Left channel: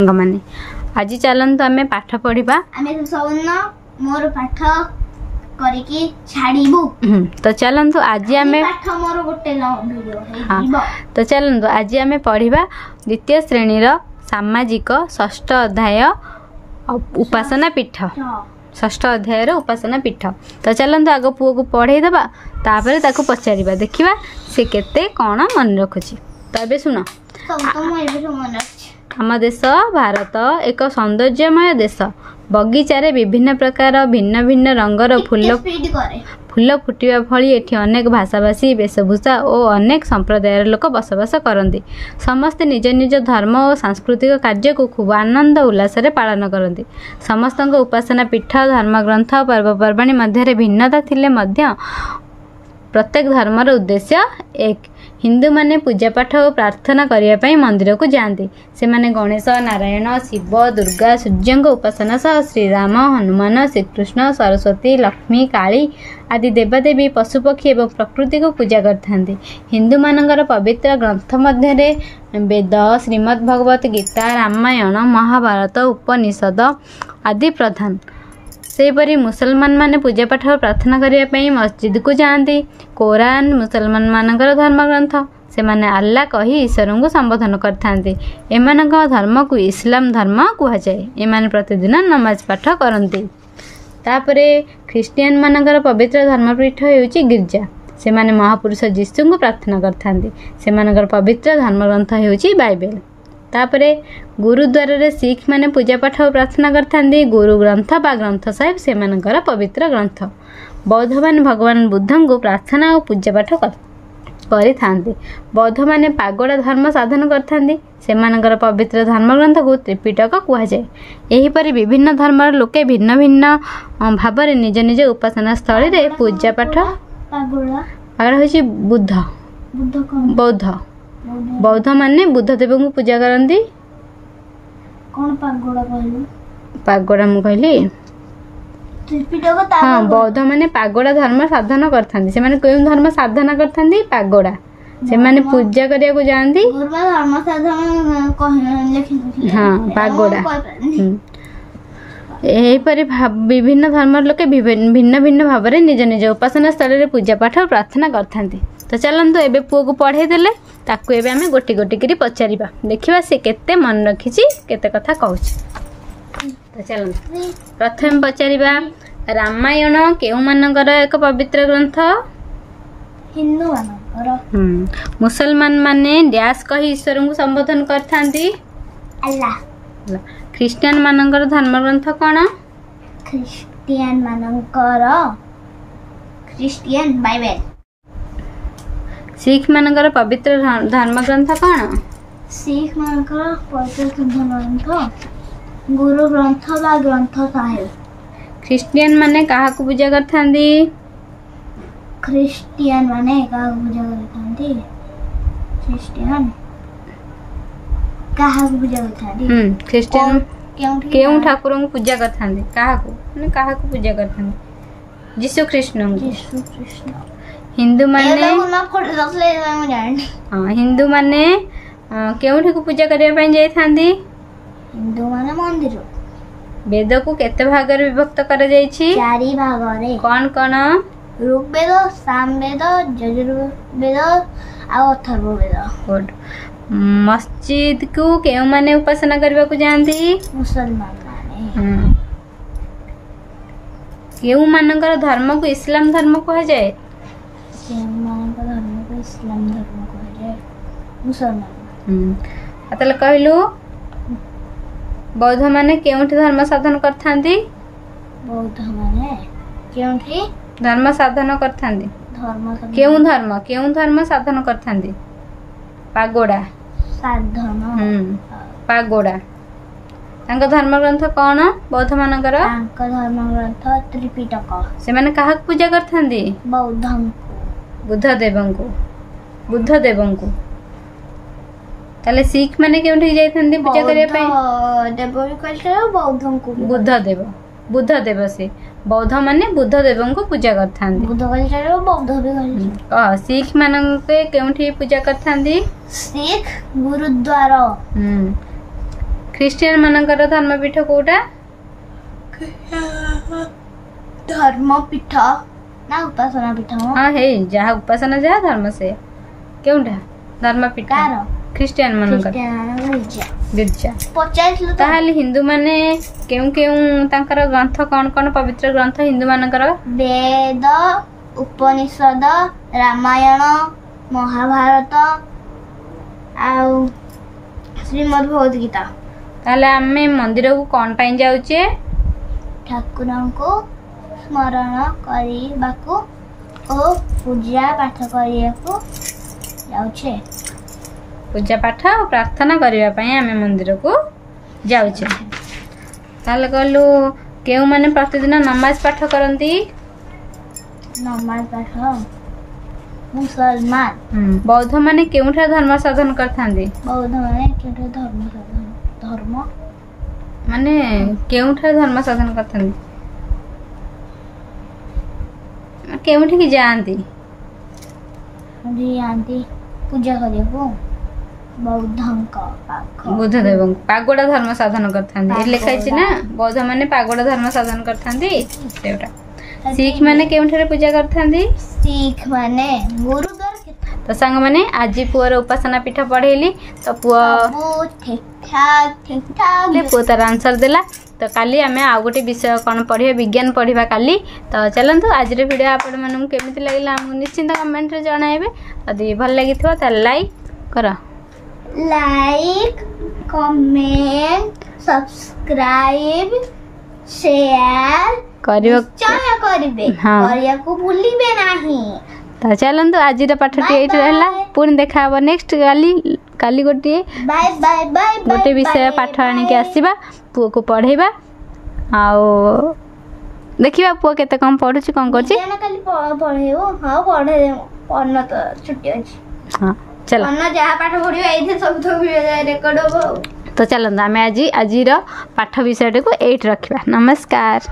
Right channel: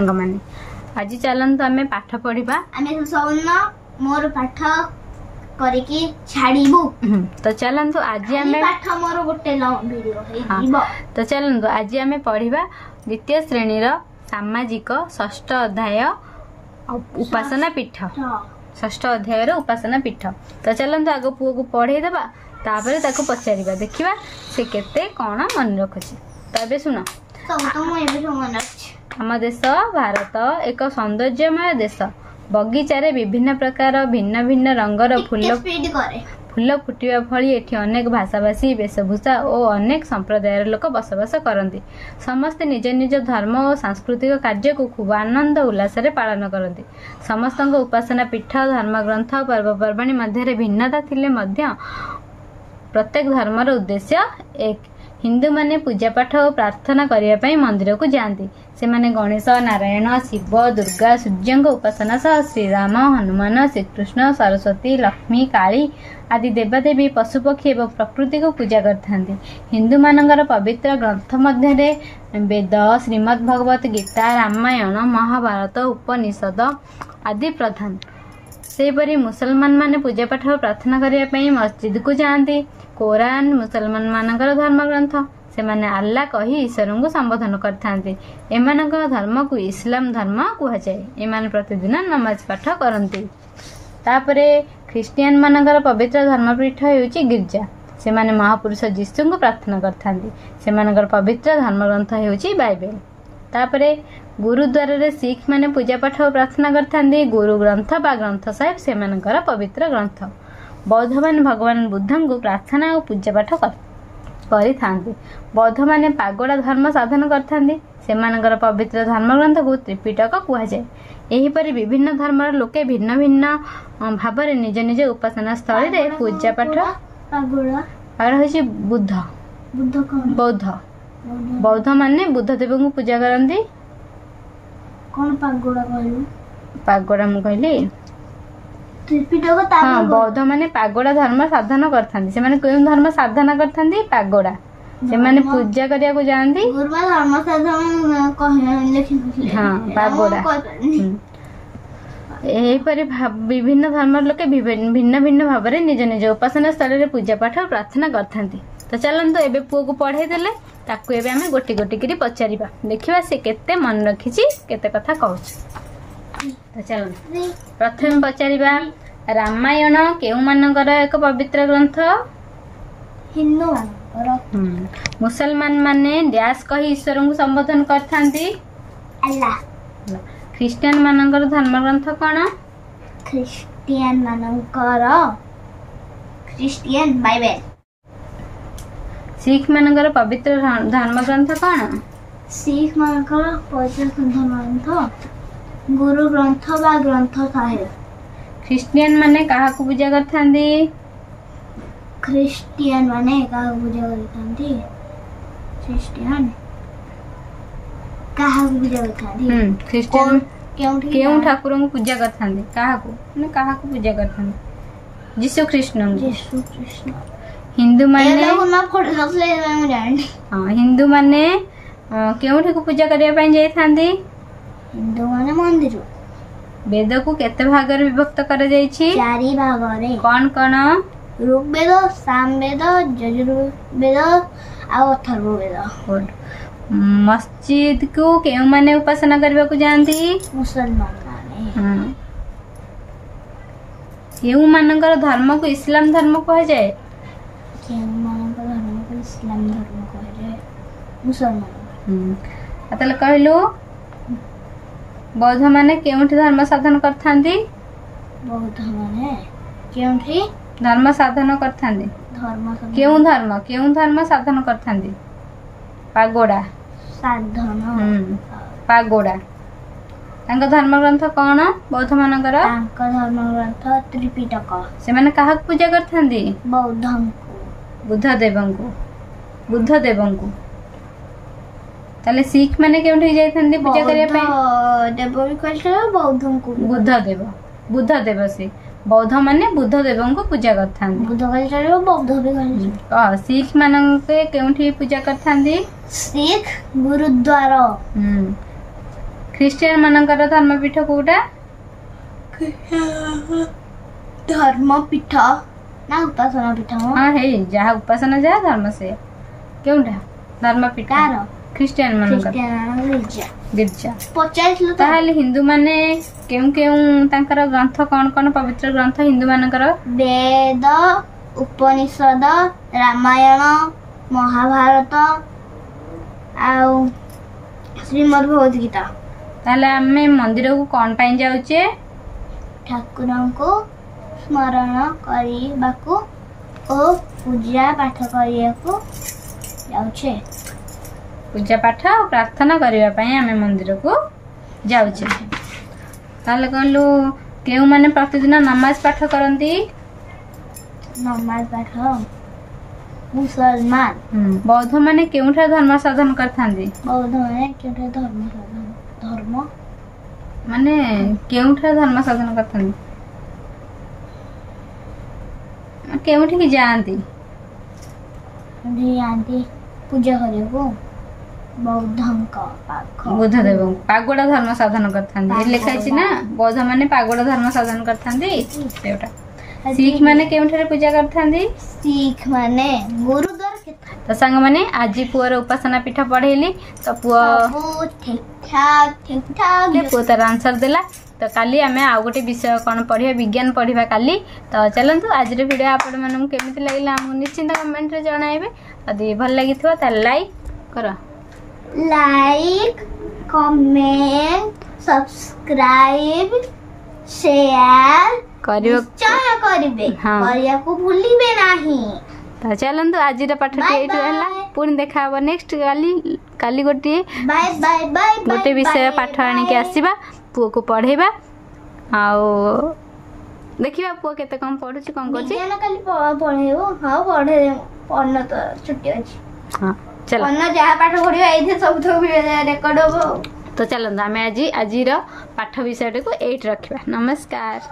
माने आज चलत आम पाठ पढ़ा मोर पाठ करके छाड़ीबू। तो चलतु आज आम पाठ मोर गोटे वीडियो तो चलतु आज आम पढ़ा द्वितीय श्रेणी सामाजिक षष्ठ अध्याय उपासना पीठ षष्ठ अध्याय उपासना पीठ। तो चलतु आग पुओ को पढ़े दबा तापर ताको पचारिबा देखिबा से केते कोन मन रखुची। तो एबे सुनो आम देश भारत एक सौंदर्यमय देश। बगीचारे विभिन्न प्रकार भिन्न भिन्न रंगर फूल फुटिबा भली एठी अनेक भाषाभाषी वेशभूषा और अनेक संप्रदायर लोक बसवास करती। समस्ते निज निज धर्म और सांस्कृतिक कार्य को खूब आनंद उल्लास पालन करती। समस्त उपासना पीठ धर्मग्रंथ पर्वपर्वाणी मध्य भिन्नता थिले मध्य प्रत्येक धर्मर उद्देश्य एक। हिंदू माने पूजा पाठ और प्रार्थना करने मंदिर को जाती। से माने गणेश नारायण शिव दुर्गा सूर्य उपासना सह श्रीराम हनुमान श्रीकृष्ण सरस्वती लक्ष्मी काली आदि देवदेवी पशुपक्षी एवं प्रकृति को पूजा करथांती। हिंदू मानकर पवित्र ग्रंथ मध्य वेद श्रीमद् भगवत गीता रामायण महाभारत उपनिषद आदि प्रधान। सेपरी मुसलमान माने पूजा पाठ और प्रार्थना करने मस्जिद को जाती। कुरान मुसलमान मानकर धर्मग्रंथ से माने अल्लाह कही ईश्वर को संबोधन करथांती। एमानक धर्म को इस्लाम धर्म कहुए। एमाने प्रतिदिन नमाज पाठ करती। तापरे ख्रिस्टियन मानकर पवित्र धर्मपीठ होउची गिरजा। से माने महापुरुष जीशु को प्रार्थना करथांती। से मानकर पवित्र धर्मग्रंथ होउची बाइबल। तापरे गुरुद्वार रे सिख माने पूजा पाठ और प्रार्थना करथांती। गुरु ग्रंथ बा ग्रंथ साहिब से मानकर पवित्र ग्रंथ। बौद्ध मान भगवान बुद्ध को प्रार्थना और पूजा पाठ करिथांती। बौद्ध माने पागोड़ा धर्म साधन करथांती। से मानकर पवित्र धर्मग्रंथ को त्रिपिटक कहुए। एहीपरि विभिन्न धर्मर लोके भिन्न भिन्न भाव निज निज उपासना स्थल रे पूजा पाठ पागोड़ा होची बुद्ध बौद्ध बौद्ध माने बुद्ध देव को पूजा करती। कौन पागोड़ा कहलु? पागोड़ा मु कहली हाँ बौद्ध माने पागोड़ा धर्म साधन करथांती। से माने कोन धर्म साधन करथांती? पागोड़ा। से माने पूजा करिया को जानती। धर्म साधन कहले हाँ पागोड़ा। एहीपरि विभिन्न धर्म लोके भिन्न भिन्न भाव निज निज उपासना स्थल रे पूजा पाठ और प्रार्थना करथांती। तो चलतु एबे पुओ को पढ़े देले ताकू एबे हमें गोटी गोटी करी पचारिबा देखिबा से केते मन रखिची केते कथा कहूची। तो चलतु प्रथम पचारिबा रामायण केउ मानकर एक पवित्र ग्रंथ? हिंदू मानकर। मुसलमान माने डैश कही ईश्वर को संबोधन करथांती? अल्लाह। ख्रिस्टियन मानकर धर्मग्रंथ कौन? ख्रिस्टियन मानकर ख्रिस्टियन बाइबल। सिख मानकर पवित्र धर्मग्रंथ कौन? सिख मानकर पवित्र धर्मग्रंथ गुरु ग्रंथ बा ग्रंथ साहिब। ख्रिस्टियन माने काहा को पूजा करथांती? ख्रिस्टियन माने काहा को पूजा करथांती? ख्रिस्टियन काहा को पूजा करथांती? ख्रिस्टियन केउ ठाकुर को पूजा करथांती? काहा को माने काहा को पूजा करथांती? यीशु कृष्ण। हिंदू माने हाँ हिंदू माने केउठी को पूजा करिया पई जाई थांदी? हिंदू माने मंदिर। वेद को केते भाग रे विभक्त कर जाईछि? 4 भाग रे। कोन कोन? ऋग्वेद सामवेद यजुर्वेद आ अथर्ववेद। मस्जिद को केउ माने उपासना करबा को जानती? मुसलमान माने। केउ मानकर धर्म को इस्लाम धर्म कह जाए? केउ मानकर धर्म को इस्लाम धर्म कह जाए? मुसलमान। अतल कहलु बौद्ध माने केउठी धर्म साधन करथांती? बौद्ध माने केउठी धर्म साधन करथांती? केउ धर्म साधन करथांती? पागोड़ा साधन। पागोड़ा। तांका धर्म ग्रंथ कौन बौद्ध मानकर? तांका धर्म ग्रंथ त्रिपिटक। से माने काहा पूजा करथांती? बुद्ध देवंको। ताले सिख माने केउठी जाइथांती पूजा करिया पई? देव भी कहल बौद्धंको। बुद्ध देव से बौद्ध माने बुद्ध देव को पूजा करथांती। बुद्ध कहल बौद्ध भी कहल। सिख मानके केउठी पूजा करथांती? सिख गुरुद्वार। ଖ୍ରୀଷ୍ଟିଆନ ମାନଙ୍କର ଧର୍ମପୀଠ କୋଉଟା? ଧର୍ମପୀଠ ନା ଉପାସନା ପୀଠ? ହଁ ହେଇ ଯାହା ଉପାସନା ଯାହା ଧର୍ମ ସେ କେଉଁଟା ଧର୍ମପୀଠ? କାର? ଖ୍ରୀଷ୍ଟିଆନ ମାନଙ୍କର ଗିର୍ଜା। ପଚାରିଥିଲୁ ତ? ତାହେଲେ ହିନ୍ଦୁ ମାନେ କେଉଁ କେଉଁ ତାଙ୍କର ଗ୍ରନ୍ଥ କଣ କଣ ପବିତ୍ର ଗ୍ରନ୍ଥ ହିନ୍ଦୁ ମାନଙ୍କର? ବେଦ, ଉପନିଷଦ, ରାମାୟଣ, ମହାଭାରତ ଆଉ ଶ୍ରୀମଦ୍ ଭଗବତ ଗୀତା। ତାହେଲେ ଆମେ ମନ୍ଦିରକୁ କଣ ପାଇଁ ଯାଉଛେ? ଠାକୁରଙ୍କୁ ସ୍ମରଣ କରିବାକୁ ଓ ପୂଜା ପାଠ କରିବାକୁ ଯାଉଛେ। ପୂଜା ପାଠ ଆଉ ପ୍ରାର୍ଥନା କରିବା ପାଇଁ ଆମେ ମନ୍ଦିରକୁ ଯାଉଛେ। ତାହେଲେ କହିଲୁ କେଉଁମାନେ ପ୍ରତିଦିନ ନମାଜ ପାଠ କରନ୍ତି? ନମାଜ ପାଠ ମୁସଲମାନ। ବୌଦ୍ଧ ମାନେ କେଉଁଠାରେ ଧର୍ମ ସାଧନ କରିଥାନ୍ତି? ବୌଦ୍ଧ ମାନେ କେଉଁଠାରେ ଧର୍ମ ମାନେ କେଉଁଠାରେ ଧର୍ମ ସାଧନ କରିଥାନ୍ତି? କେଉଁଠିକି ଯାଆନ୍ତି? ଯାଆନ୍ତି ପୂଜା କରିବାକୁ ବୌଦ୍ଧଙ୍କ ପାଖ। ବୁଦ୍ଧଦେବଙ୍କୁ ପାଗୋଡା ଧର୍ମ ସାଧନ କରିଥାନ୍ତି। ଏଠି ଲେଖା ହେଇଛି ନା ବୌଦ୍ଧ ମାନେ ପାଗୋଡା ଧର୍ମ ସାଧନ କରିଥାନ୍ତି ସେଇଟା। ଶିଖ ମାନେ କେଉଁଠାରେ ପୂଜା କରିଥାନ୍ତି? ଶିଖ ମାନେ ଗୁରୁଦ୍ୱାର। ତ ସାଙ୍ଗମାନେ ଆଜି ପୁଅର ଉପାସନା ପୀଠ ପଢେଇଲି ତ ପୁଅ ପୁଅ ତାର ଆନ୍ସର ଦେଲା। ତ କାଲି ଆମେ ଆଉ ଗୋଟେ ବିଷୟ କଣ ପଢିବା ବିଜ୍ଞାନ ପଢିବା କାଲି। ତ ଚାଲନ୍ତୁ ଆଜିର ଭିଡ଼ିଓ ଆପଣମାନଙ୍କୁ କେମିତି ଲାଗିଲା ଆମକୁ ନିଶ୍ଚିନ୍ତ କମେଣ୍ଟରେ ଜଣାଇବେ। ଯଦି ଭଲ ଲାଗିଥିବ ତାହେଲେ ଲାଇକ୍ କର। ଲାଇକ୍ କମେଣ୍ଟ ସବସ୍କ୍ରାଇବ ସେୟାର କରିବେ କରିବାକୁ ଭୁଲିବେ ନାହିଁ। ତ ଚାଲନ୍ତୁ ଆଜିର ପାଠଟି ଏଇଠି ରହିଲା। ପୁଣି ଦେଖା ହବ ନେକ୍ସଟ କାଲି ଗୋଟିଏ ବିଷୟ ପାଠ ଆଣିକି ଆସିବା ପୁଅକୁ ପଢେଇବା ଆଉ ଦେଖିବା ପୁଅ କେତେ କଣ ପଢୁଛି କଣ କରୁଛି। କାଲି ପଢେଇବୁ। ହଁ ପଢେଇ ପର୍ଣ୍ଣ ତ ଛୁଟି ଅଛି। ହଁ ଚାଲ ଯାହା ପାଠ ପଢିବା ଏଇଥିରେ ସବୁ ରେକର୍ଡ ହବ। ତ ଚାଲନ୍ତୁ ଆମେ ଆଜିର ପାଠ ବିଷୟଟିକୁ ଏଇଠି ରଖିବା। ନମସ୍କାର।